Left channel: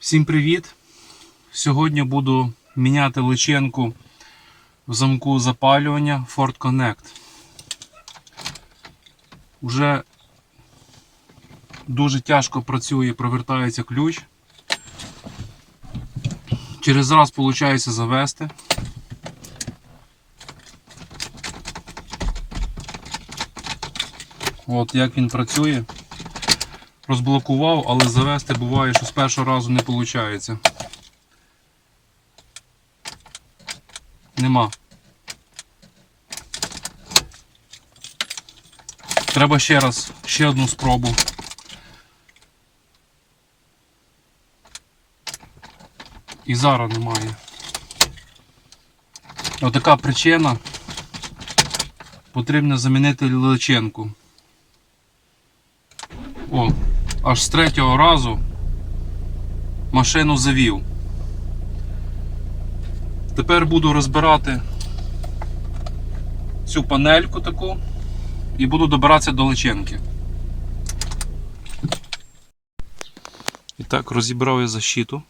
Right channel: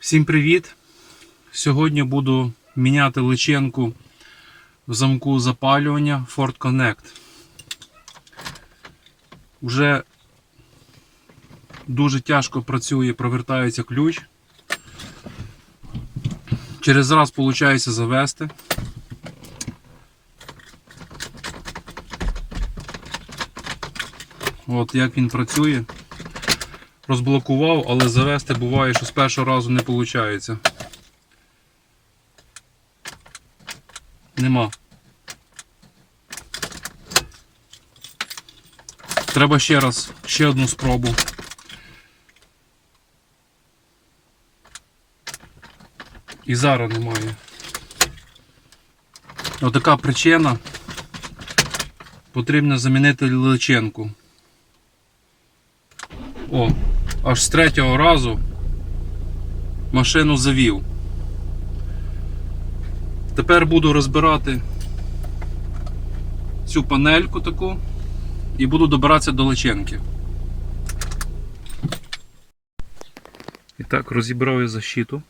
Всім привіт! Сьогодні буду міняти личинку в замку запалювання Ford Connect. Уже дуже тяжко працює, провертається ключ. Через раз виходить завести. От як він працює. Розблокував, але завести буває, що з першого разу не виходить. Нема. Треба ще раз, ще одну спробу. І зараз немає. Отака причина. Потрібно замінити личинку. О, аж з третього разу машину завів. Тепер буду розбирати цю панельку таку і буду добиратися до личинки. І так, розібрав я защиту.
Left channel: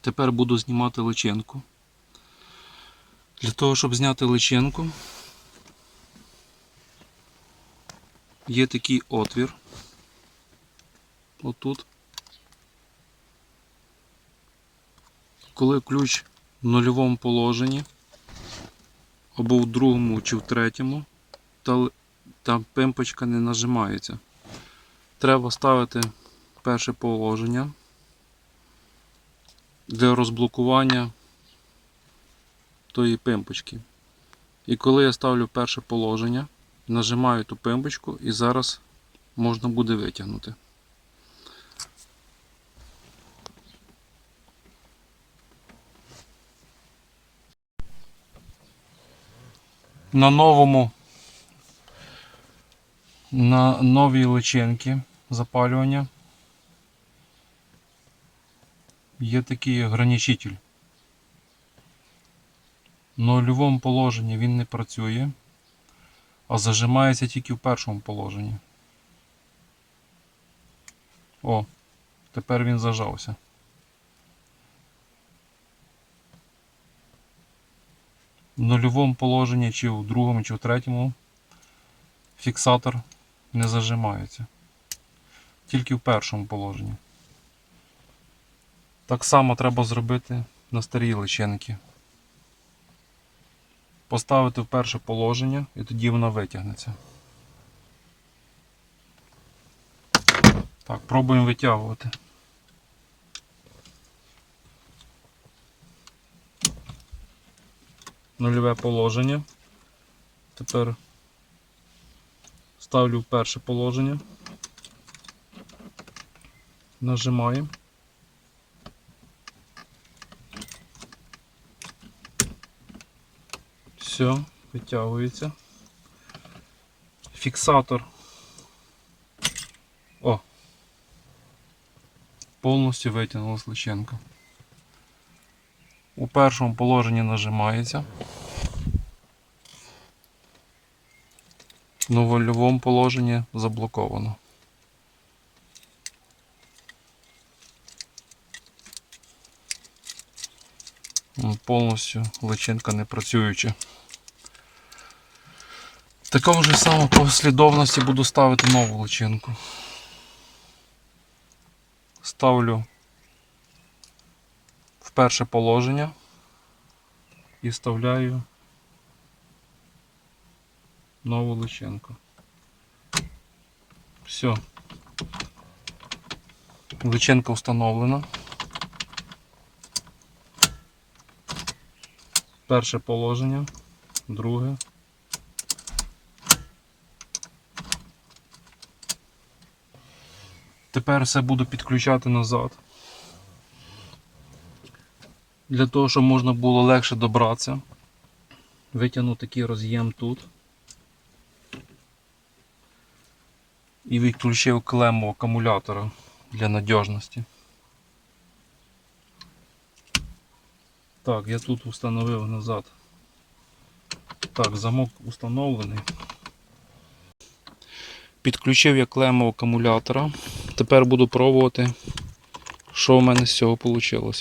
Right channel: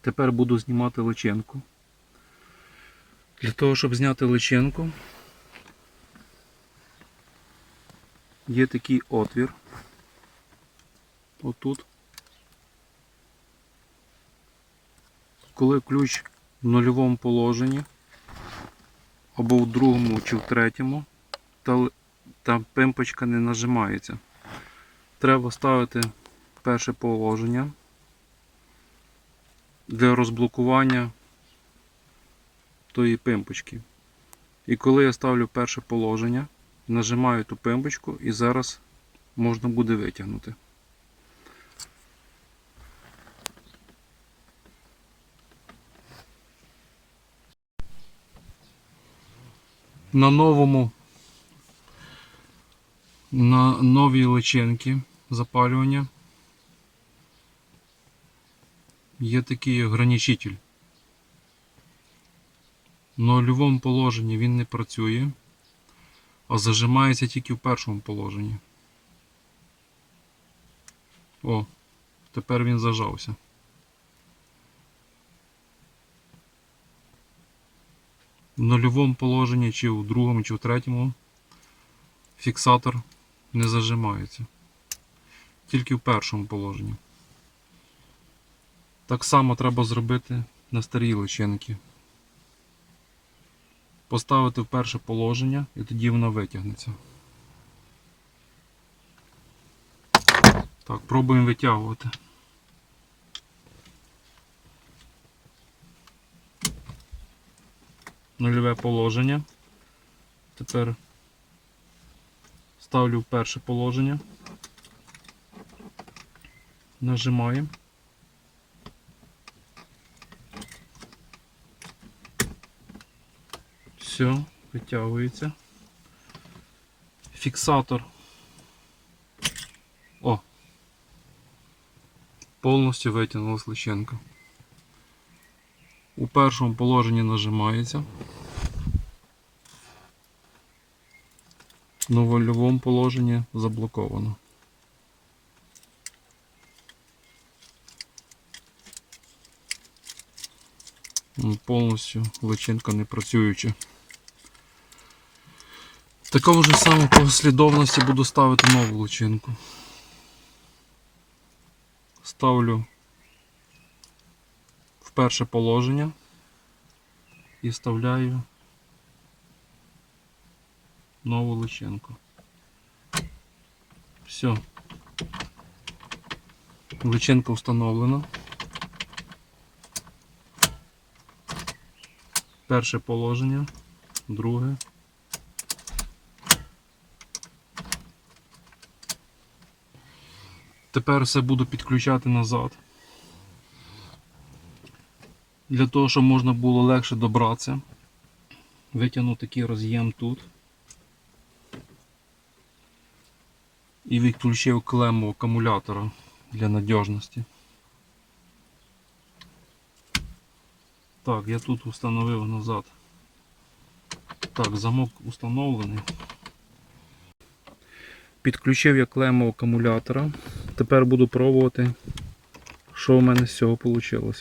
Тепер буду знімати личинку. Для того, щоб зняти личинку, є такий отвір. Отут. Коли ключ в нульовому положенні, або в другому чи в третьому, та, та пимпочка не нажимається. Треба ставити перше положення для розблокування тої пимпочки. І коли я ставлю перше положення, нажимаю ту пимпочку і зараз можна буде витягнути. На новому на новій личинці запалювання є такий ограничитель. В нульовому положенні він не працює а зажимається тільки в першому положенні. О, тепер він зажався. Нульовому положенні, чи в другому, чи в третьому фіксатор не зажимається. Тільки в першому положенні. Так само треба зробити на старій личинці поставити в перше положення і тоді воно витягнеться. Так, пробуємо витягувати. Нульове положення. Тепер ставлю в перше положення. Нажимаємо. Все, витягується. Фіксатор. О! Повністю витягнулась личинка. У першому положенні нажимається. На вольовому положенні заблоковано. Повністю личинка не працююча. В такому ж самому послідовності буду ставити нову личинку. Ставлю в перше положення і вставляю нову личинку. Все. Личинка встановлена. Перше положення, друге. Тепер все буду підключати назад. Для того, щоб можна було легше добратися. Витягну такий роз'єм тут. І відключив клему акумулятора для надіжності. Так, я тут встановив назад. Так, замок установлений. Підключив я клему акумулятора. Тепер буду пробувати що в мене з цього вийшло?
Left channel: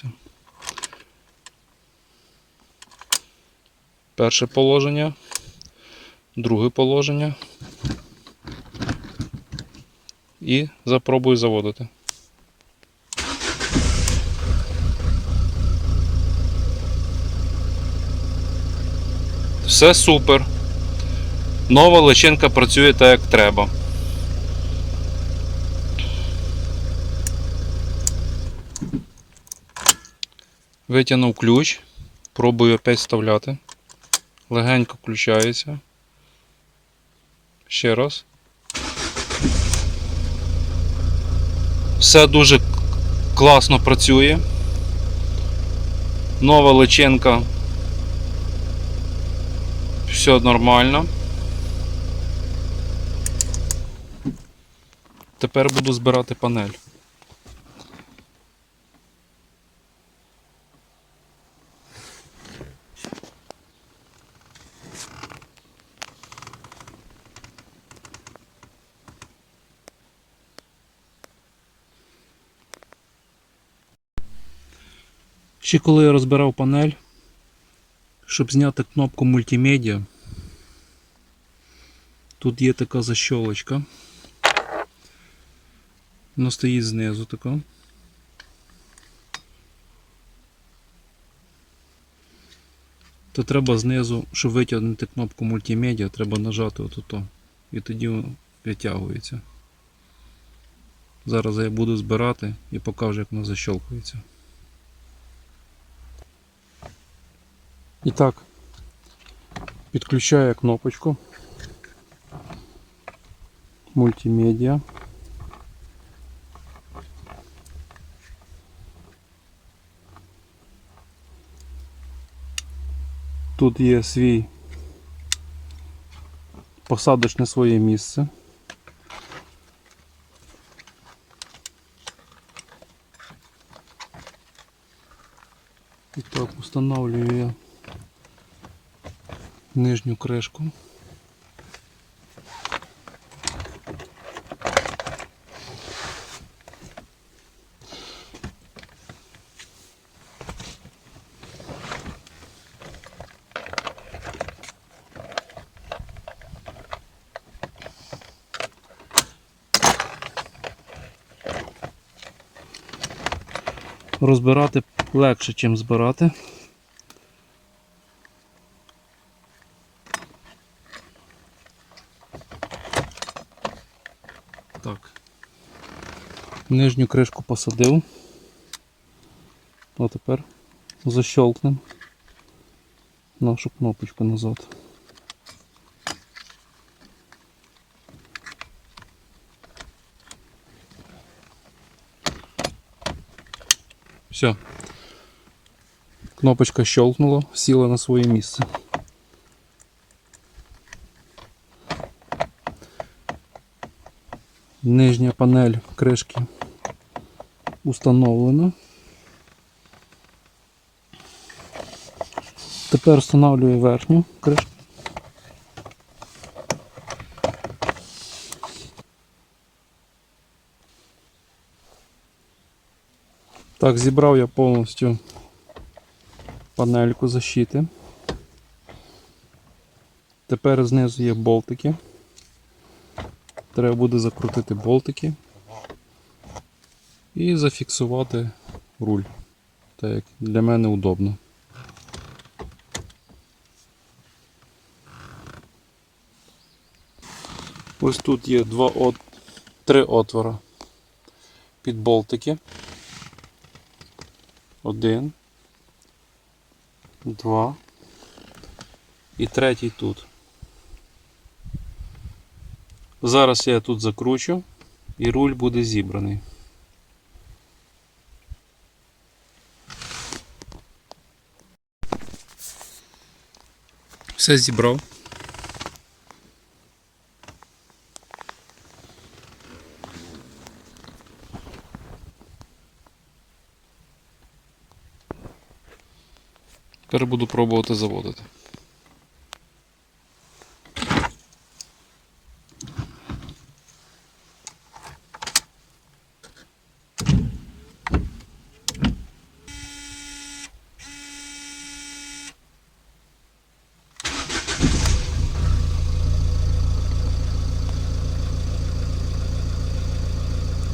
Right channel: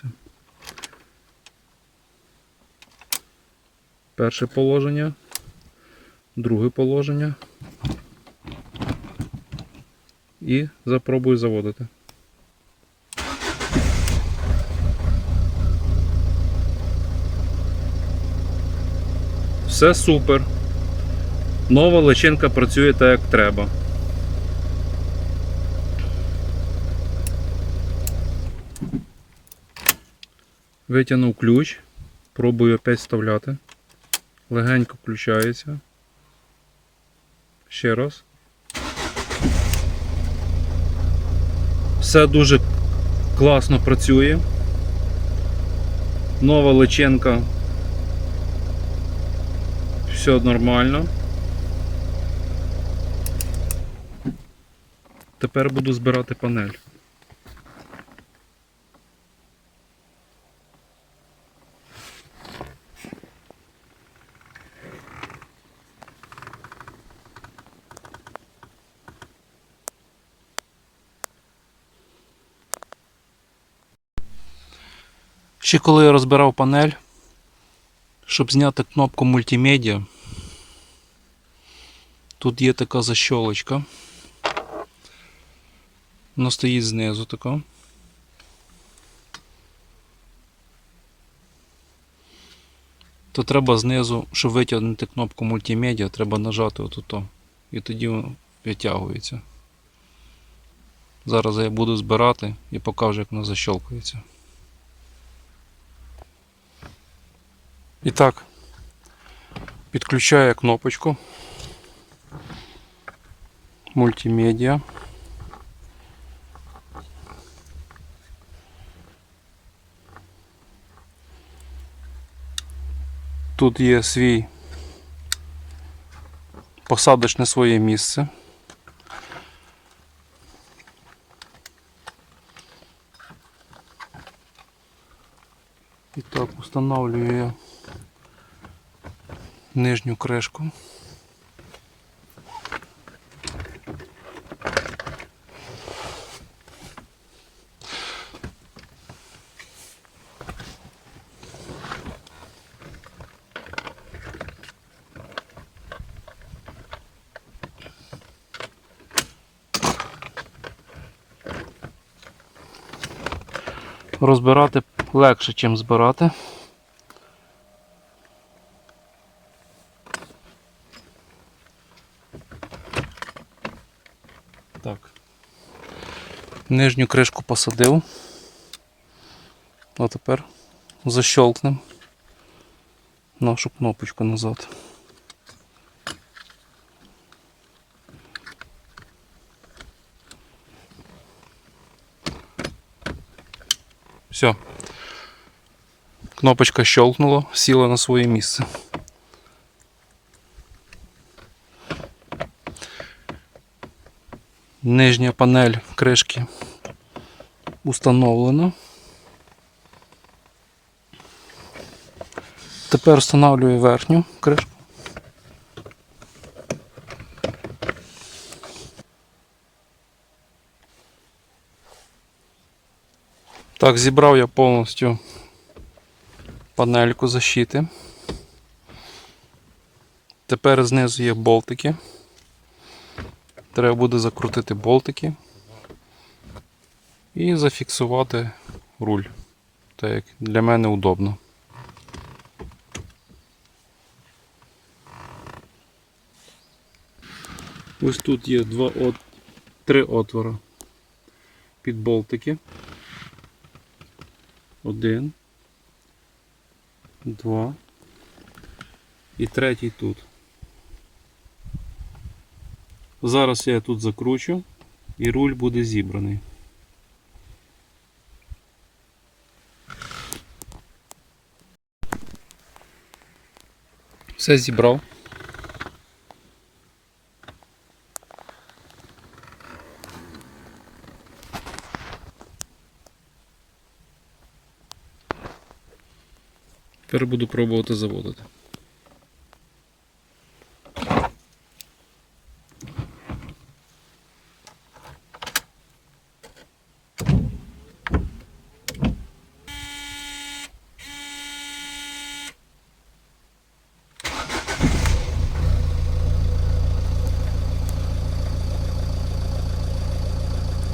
Перше положення, друге положення. І запробую заводити. Все супер. Нова личинка працює так, як треба. Витягнув ключ, пробую опять вставляти. Легенько включається. Ще раз. Все дуже класно працює. Нова личинка. Все нормально. Тепер буду збирати панель. Ще коли я розбирав панель, щоб зняти кнопку мультимедіа, тут є така защолочка. Вона стоїть знизу така. То треба знизу, щоб витягнути кнопку мультимедіа, треба нажати отут. І тоді воно витягується. Зараз я буду збирати і покажу, як воно защолкується. І так, підключаю кнопочку мультимедіа. Тут є свій посадочне своє місце. І так, встановлюю я Нижню кришку. Розбирати легше, ніж збирати. Так. Нижню кришку посадив. А тепер защелкнемо нашу кнопочку назад. Все. Кнопочка щелкнула, сіла на своє місце. Нижня панель кришки установлена. Тепер встановлюю верхню кришку. Так, зібрав я повністю панельку защити. Тепер знизу є болтики. Треба буде закрутити болтики і зафіксувати руль. Так як для мене удобно. Ось тут є два от... три отвора під болтики. Один, два і третій тут. Зараз я тут закручу і руль буде зібраний. Все зібрав. Тепер буду пробувати заводити.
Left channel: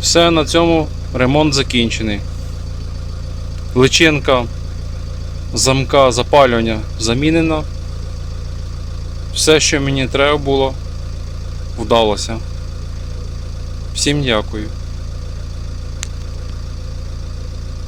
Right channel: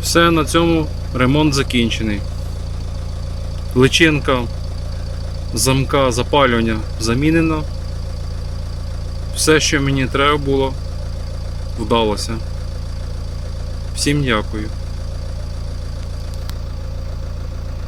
Все, на цьому ремонт закінчений. Личинка замка запалювання замінена. Все, що мені треба було, вдалося. Всім дякую.